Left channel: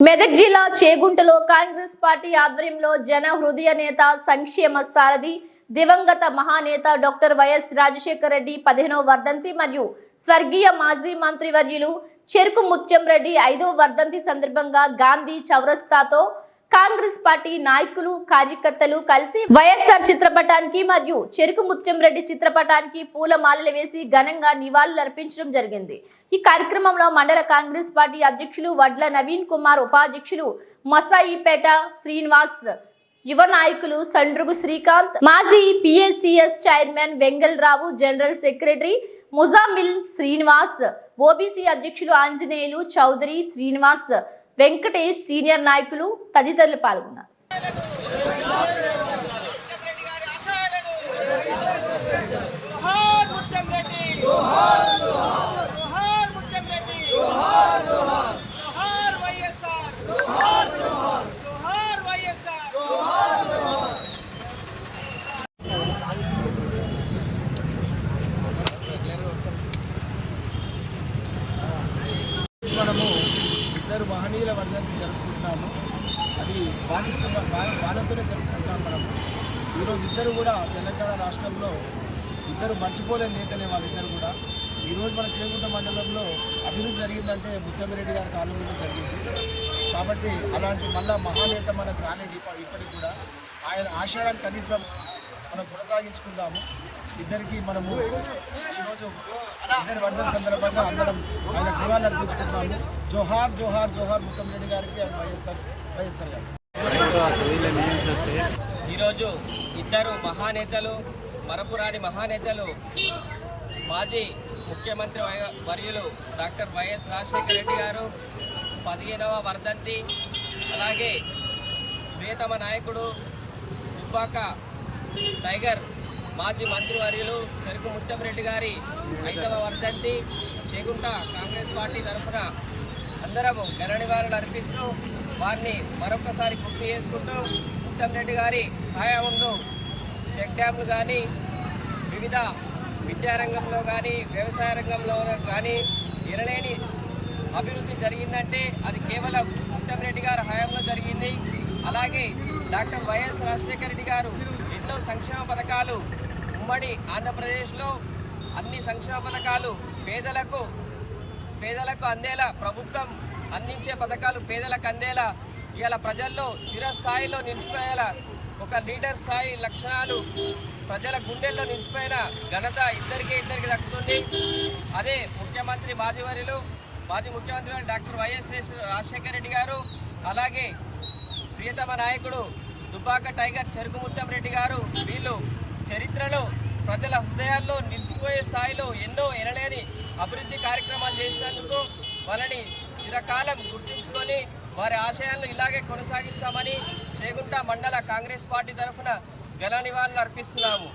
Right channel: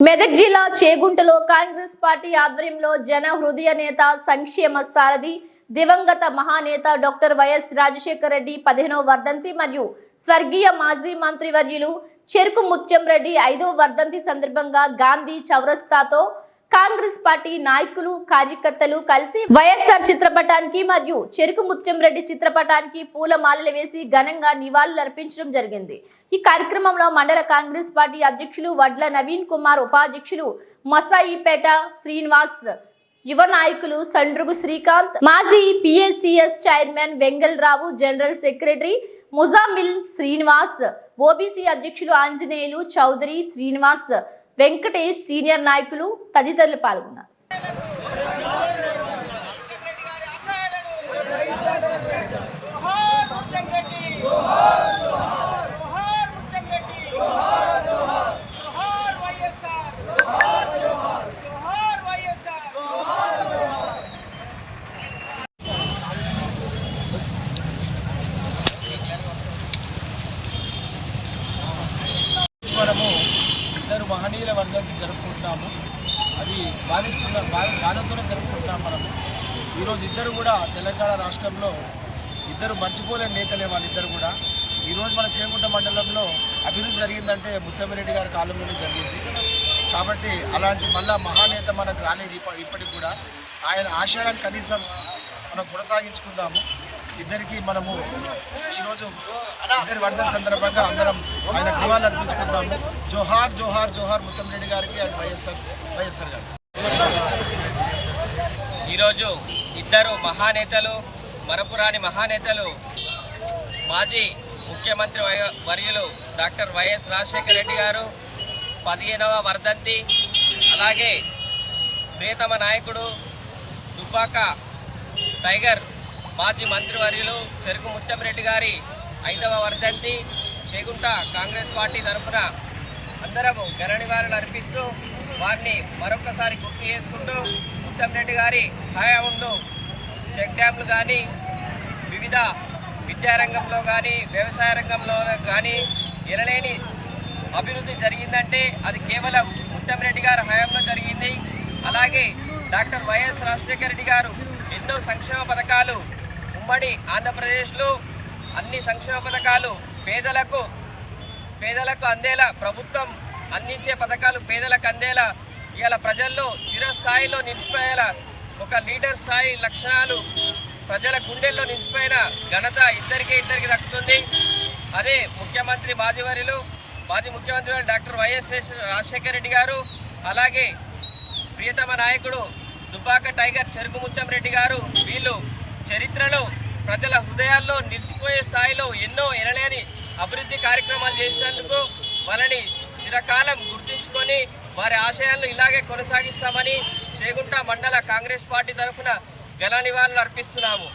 మెదక్ జిల్లా చేగుంటలో కాంగ్రెస్ పార్టీ ఆధ్వర్యంలో జన హృదయ నేత సంక్షేమ సారథి దివంగత మహానేత డాక్టర్ వైఎస్ రాజశేఖర రెడ్డి పదిహేనవ వర్ధంతి మరియు స్వర్గీయ మాజీ మంత్రివర్యులు చెరుకు ముత్యం రెడ్డి ఐదవ వర్ధంతి సందర్భంగా గాంధీ చౌరస్తాతో కాంగ్రెస్ పార్టీ నాయకులు కార్యకర్తలు కలిసి వైఎస్ఆర్ చిత్రపటానికి మరియు చెరుకు ముత్యం రెడ్డి చిత్రపటానికి పూల మాలలు వేసి ఘనంగా నివాళులు అర్పించడం జరిగింది. ఈ కార్యక్రమంలో మండల కాంగ్రెస్ పార్టీ అధ్యక్షులు వడ్ల నవీన్ కుమార్ ఉపాధ్యక్షులు మసాయిపేట శ్రీనివాస్ యువ నాయకులు సండ్రుగు శ్రీకాంత్ మాజీ PSCS chairman Vengalarao general secretary Muzammil Srinivas OBC అధ్యక్షులు ఆంజనేయులు చౌదరి శ్రీనివాస్ వెంకటేష్ సీనియర్ నాయకులు తదితరులు పాల్గొన్నారు. మనము ఇద్దరు మహనీయుల వర్ధంతి జరుపుకుంటున్నాము. అది బాధిస్తున్న బాధతోనే జరుపుకుంటున్నాం మనము. ఈరోజు ఇద్దరు కూడా తెలంగాణ రాష్ట్రంలో ఇద్దరు మర్చిపోలేని నేతలే వాళ్ళిద్దరు కూడా. ఈరోజు మన చేకుంట మండలంలో అభివృద్ధి జరిగిందంటే ముత్తమిరెడ్డి గారి కాలంలోనే జరిగింది. కాబట్టి అలాంటి మళ్ళా మహానేత మనకు రాలేదు ఇప్పటికి కూడా. ఆయన ఆశయాన్ని కనీసం మనం కొనసాగించుకుందాము. ఇద్దరికి మనము ఈరోజు ఇద్దరి వర్ధన సందర్భంగా అందరం ఆయన నివాళులు అర్పించుకుంటాము జోహార్ జోహార్ జోహార్ ముత్తంరెడ్డి గారికి అండ్ వైఎస్ఆర్ వైఎస్ఆర్ గారికి. ఈరోజు ఇద్దరు మహానేతలు మరపురాని మహానేతలు మాజీ ముఖ్యమంత్రి వర్యులు డాక్టర్ వైఎస్ రాజశేఖర రెడ్డి గారు పదిహేనవ వర్ధంతి అలాగే ప్రియతమ నాయకుడు దుబ్బాక టైగర్ మాజీ మంత్రివర్యులు చెరుకు ముత్తంరెడ్డి గారి ఐదవ వర్ధంతి చేగుంట కాంగ్రెస్ పార్టీ తరఫున అందరము ఘన నివాళులు అర్పిస్తూ వారిని మరొకసారి గుర్తు చేసుకుంటూ ముత్తంరెడ్డి గారి హయాంలో చెక్ డ్యామ్లు కానీ వివిధ విద్యారంగంలో కానీ వ్యవసాయ రంగంలో కానీ ఎనలేని అభివృద్ధి జరిగిందంటే అది కేవలం ముత్తంరెడ్డి గారి హయాంలో జరిగింది. అలాగే డాక్టర్ వైఎస్ రాజశేఖర రెడ్డి గారు ఎన్నో సంక్షేమ పథకాలు ఉమ్మడి ఆంధ్రప్రదేశ్లో అన్ని సంక్షేమ పథకాలు పేదలకు పేదలకు అందేలా ప్రభుత్వం అందించే పథకాలు పేదలకు అందేలా ఇవాళ ప్రజల్లో చిరస్థాయిలో నిలిచిపోయేలా ఒక లీడర్ స్థాయి లక్షణాలు ప్రజల గుండెల్లో నిలిచిపోయిన ఘనత ఇద్దరికే ఇద్దరికి దక్కుతుంది. అదే ముఖ్యమంత్రి మాజీవర్యులు మాజీ ముఖ్యమంత్రి డాక్టర్ వైఎస్ రాజశేఖర రెడ్డి గారు అలాగే ప్రియతమ నాయకుడు దుబ్బాక టైగర్ చెరుకు ముత్తం రెడ్డి గారు వీళ్ళు చరిత్రలో ప్రజల హృదయాల్లో నిలిచిపోయే స్థాయిలో ఎన్నో ఎనలేని అభివృద్ధి కార్యక్రమాలు చేసినందుకు వాళ్ళని చిరకాలం గుర్తుంచుకొని వారి ఆశయాలను ఇలాగే కొనసాగిస్తామని చేగుంట మండల కాంగ్రెస్ పార్టీ తరఫున ఘన నివాళులు అర్పిస్తున్నాము.